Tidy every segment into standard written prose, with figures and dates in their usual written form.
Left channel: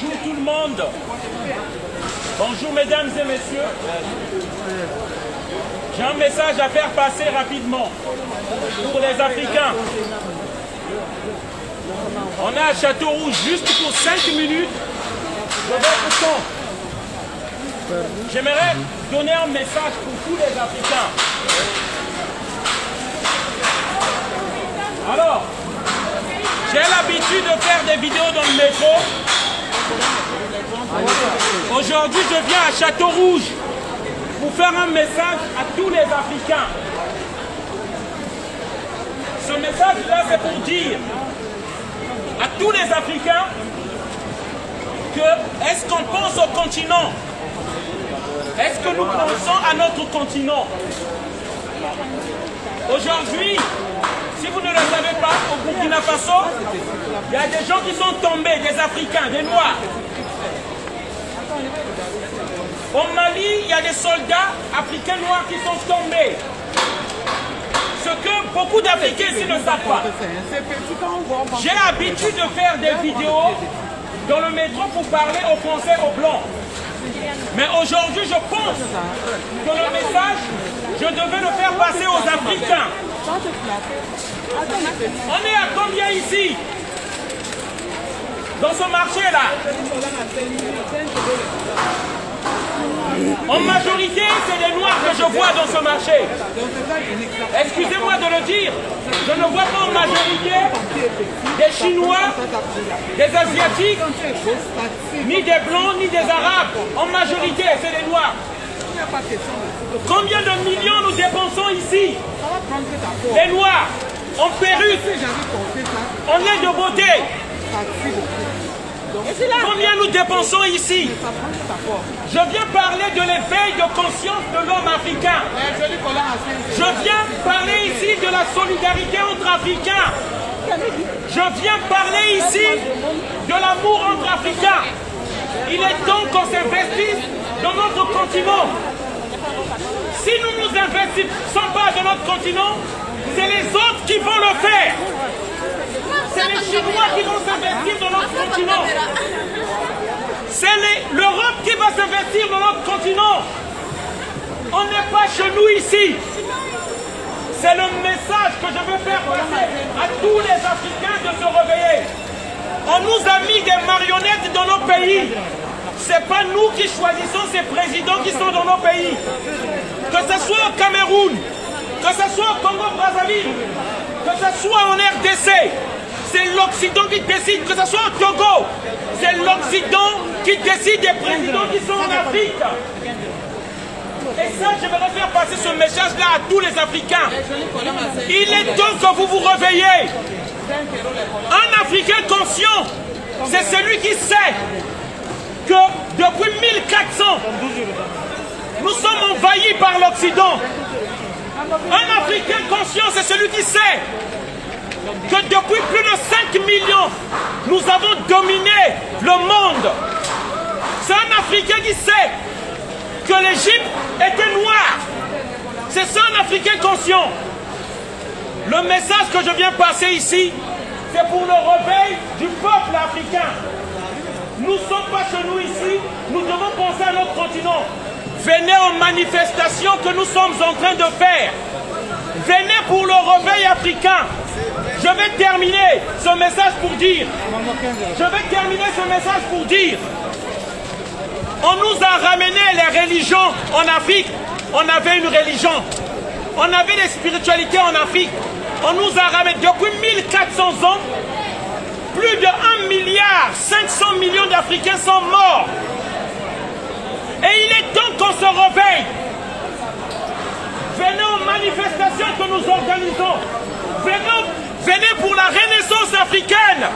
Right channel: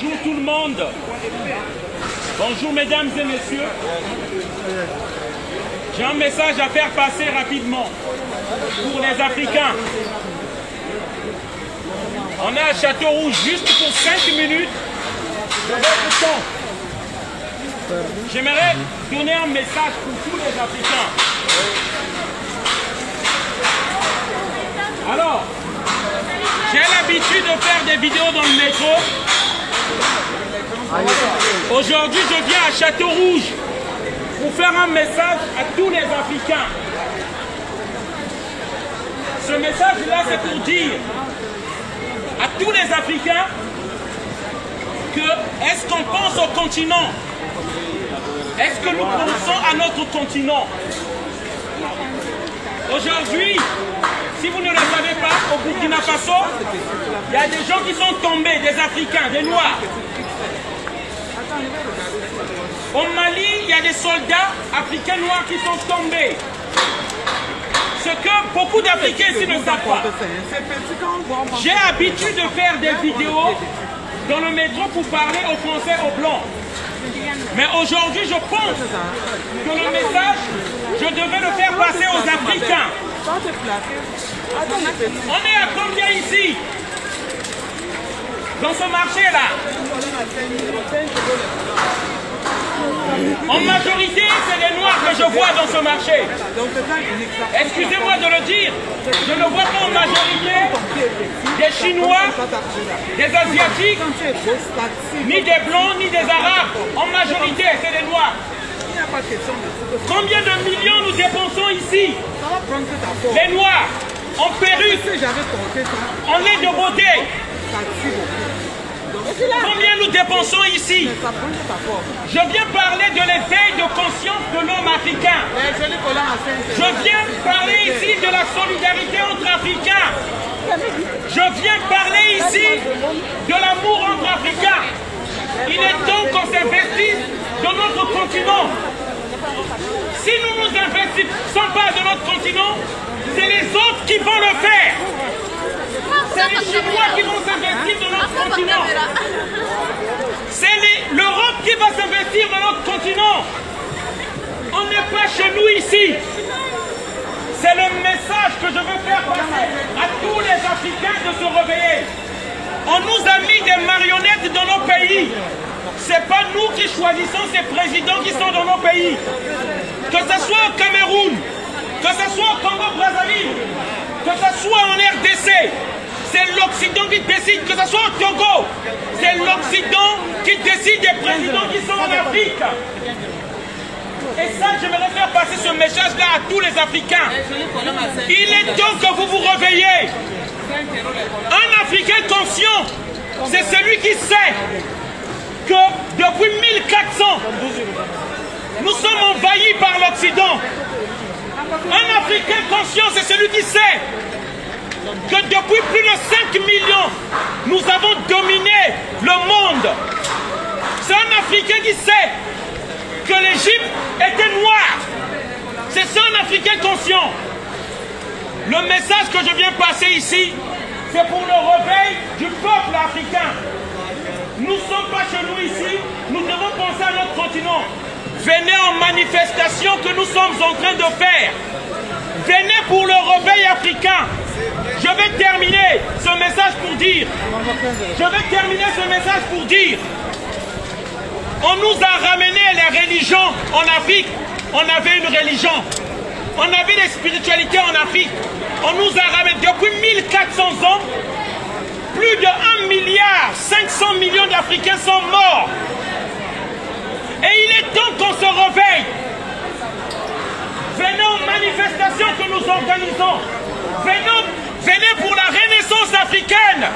Bonjour tout le monde. Bonjour mesdames et messieurs. J'ai un message à faire passer rapidement pour les Africains. On est à Châteaurouge juste pour 5 minutes de votre temps. J'aimerais donner un message pour tous les Africains. Alors, j'ai l'habitude de faire des vidéos dans le métro. Aujourd'hui, je viens à Châteaurouge pour faire un message à tous les Africains. Ce message-là, c'est pour dire à tous les Africains que est-ce qu'on pense au continent? Est-ce que nous pensons à notre continent? Aujourd'hui, si vous ne le savez pas, au Burkina Faso, il y a des gens qui sont tombés, des Africains, des Noirs. Au Mali, il y a des soldats africains noirs qui sont tombés. Ce que beaucoup d'Africains ici ne savent pas. J'ai l'habitude de faire des vidéos dans le métro pour parler aux Français, aux Blancs. Mais aujourd'hui, je pense que le message, je devais le faire passer aux Africains. On est à combien ici? Dans ce marché-là? En majorité, c'est les Noirs que je vois dans ce marché. Excusez-moi de le dire, je ne vois pas en majorité des Chinois, des Asiatiques, ni des Blancs, ni des Arabes. En majorité, c'est les Noirs. Combien de millions nous dépensons ici? Les Noirs, en perruque, en lait de beauté. Combien nous dépensons ici? Je viens parler de l'éveil de conscience de l'homme africain. Je viens parler ici de la solidarité entre Africains. Je viens parler ici de l'amour entre Africains. Il est temps qu'on s'investisse dans notre continent. Si nous ne nous investissons pas dans notre continent, c'est les autres qui vont le faire. C'est les Chinois qui vont s'investir dans notre continent. C'est l'Europe qui va s'investir dans notre continent. On n'est pas chez nous ici. C'est le message que je veux faire passer à tous les Africains de se réveiller. On nous a mis des marionnettes dans nos pays. Ce n'est pas nous qui choisissons ces présidents qui sont dans nos pays. Que ce soit au Cameroun, que ce soit au Congo-Brazzaville, que ce soit en RDC, c'est l'Occident qui décide, que ce soit au Togo, c'est l'Occident qui décide des présidents qui sont en Afrique. Et ça, j'aimerais faire passer ce message-là à tous les Africains. Il est temps que vous vous réveillez. Un Africain conscient, c'est celui qui sait que depuis 1400, nous sommes envahis par l'Occident. Un Africain conscient, c'est celui qui sait que depuis plus de 5 millions, nous avons dominé le monde. C'est un Africain qui sait que l'Égypte était noire. C'est ça un Africain conscient. Le message que je viens passer ici, c'est pour le réveil du peuple africain. Nous ne sommes pas chez nous ici, nous devons penser à notre continent. Venez en manifestation que nous sommes en train de faire. Venez pour le réveil africain. Je vais terminer ce message pour dire. On nous a ramené les religions en Afrique. On avait une religion. On avait des spiritualités en Afrique. On nous a ramené depuis 1400 ans. Plus de 1,5 milliard d'Africains sont morts. Et il est temps qu'on se réveille. Venez aux manifestations que nous organisons. Venez pour la renaissance africaine.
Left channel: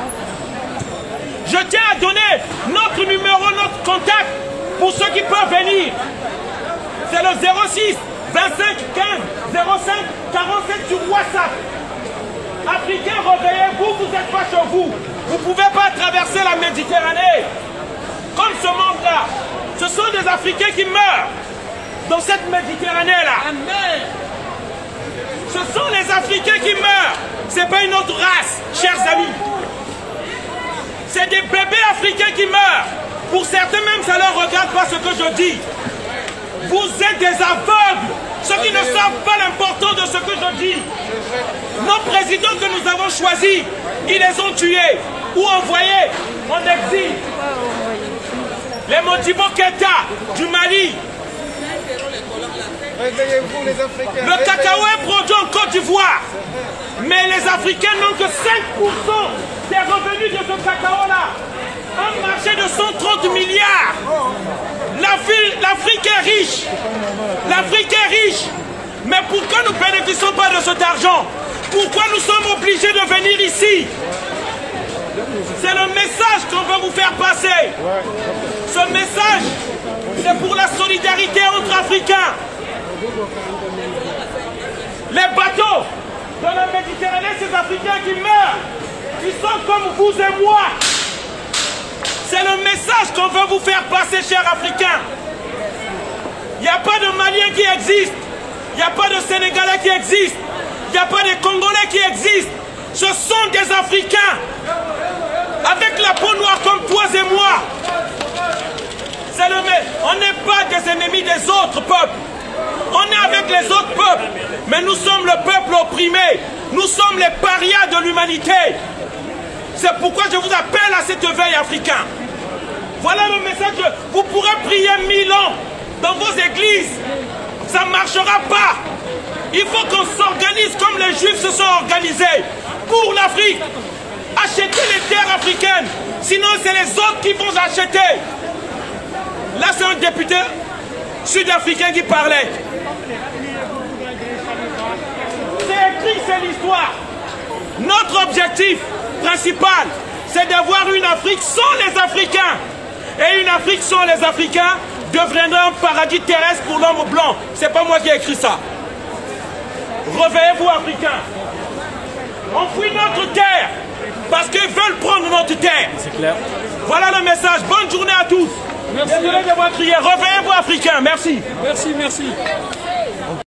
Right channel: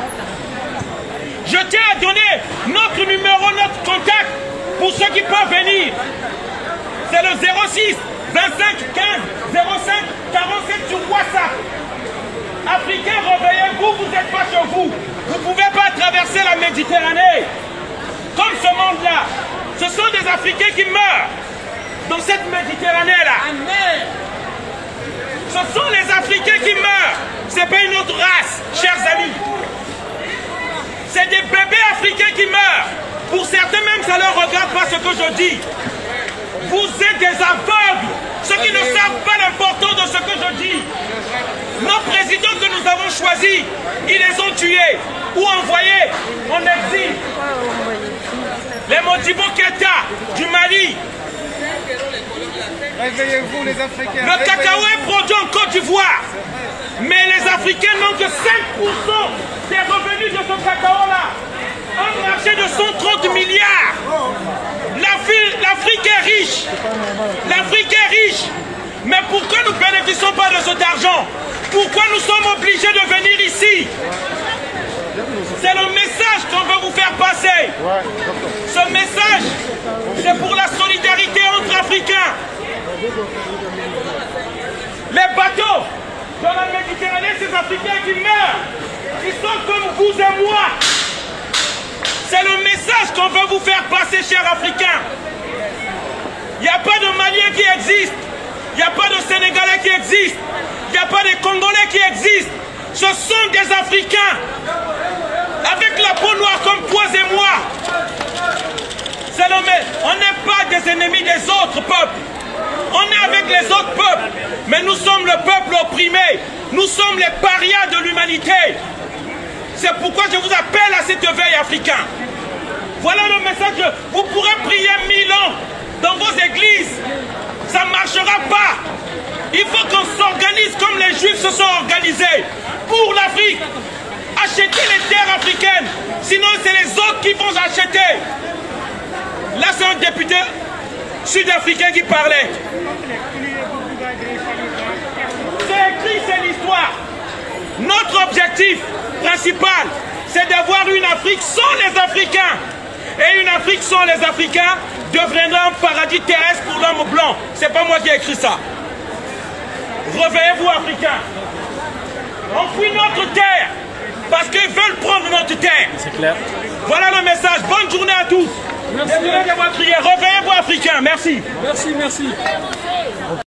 Je tiens à donner notre numéro, notre contact pour ceux qui peuvent venir. C'est le 06 25 15 05 47 sur WhatsApp. Africains, réveillez-vous, vous n'êtes pas chez vous. Vous ne pouvez pas traverser la Méditerranée. Comme ce monde-là. Ce sont des Africains qui meurent dans cette Méditerranée-là. Amen. Ce sont les Africains qui meurent. Ce n'est pas une autre race, chers amis. C'est des bébés africains qui meurent. Pour certains même, ça ne leur regarde pas ce que je dis. Vous êtes des aveugles. Ceux qui ne savent pas l'importance de ce que je dis. Nos présidents que nous avons choisis, ils les ont tués ou envoyés en exil. Les Modibo Keïta du Mali. Réveillez-vous les Africains. Le cacao est produit en Côte d'Ivoire. Mais les Africains n'ont que 5% des revenus de ce cacao-là. Un marché de 130 milliards. L'Afrique est riche. L'Afrique est riche. Mais pourquoi nous ne bénéficions pas de cet argent? Pourquoi nous sommes obligés de venir ici? C'est le message qu'on veut vous faire passer. Ce message, c'est pour la solidarité entre Africains. Les bateaux dans la Méditerranée, ces Africains qui meurent, ils sont comme vous et moi. C'est le message qu'on veut vous faire passer, chers Africains. Il n'y a pas de Maliens qui existent. Il n'y a pas de Sénégalais qui existent. Il n'y a pas de Congolais qui existent. Ce sont des Africains. Avec la peau noire comme toi et moi. On n'est pas des ennemis des autres peuples. On est avec les autres peuples. Mais nous sommes le peuple opprimé. Nous sommes les parias de l'humanité. C'est pourquoi je vous appelle à cet éveil africain. Voilà le message. Vous pourrez prier 1000 ans dans vos églises. Ça ne marchera pas. Il faut qu'on s'organise comme les Juifs se sont organisés. Pour l'Afrique. Acheter les terres africaines. Sinon, c'est les autres qui vont acheter. Là, c'est un député sud-africain qui parlait. C'est écrit, c'est l'histoire. Notre objectif principal, c'est d'avoir une Afrique sans les Africains. Et une Afrique sans les Africains deviendra un paradis terrestre pour l'homme blanc. C'est pas moi qui ai écrit ça. Réveillez-vous, Africains. On fuit notre terre parce qu'ils veulent prendre notre terre. C'est clair. Voilà le message. Bonne journée à tous. Merci. Désolé d'avoir crié. Réveillez-vous, Africains. Merci. Merci, merci.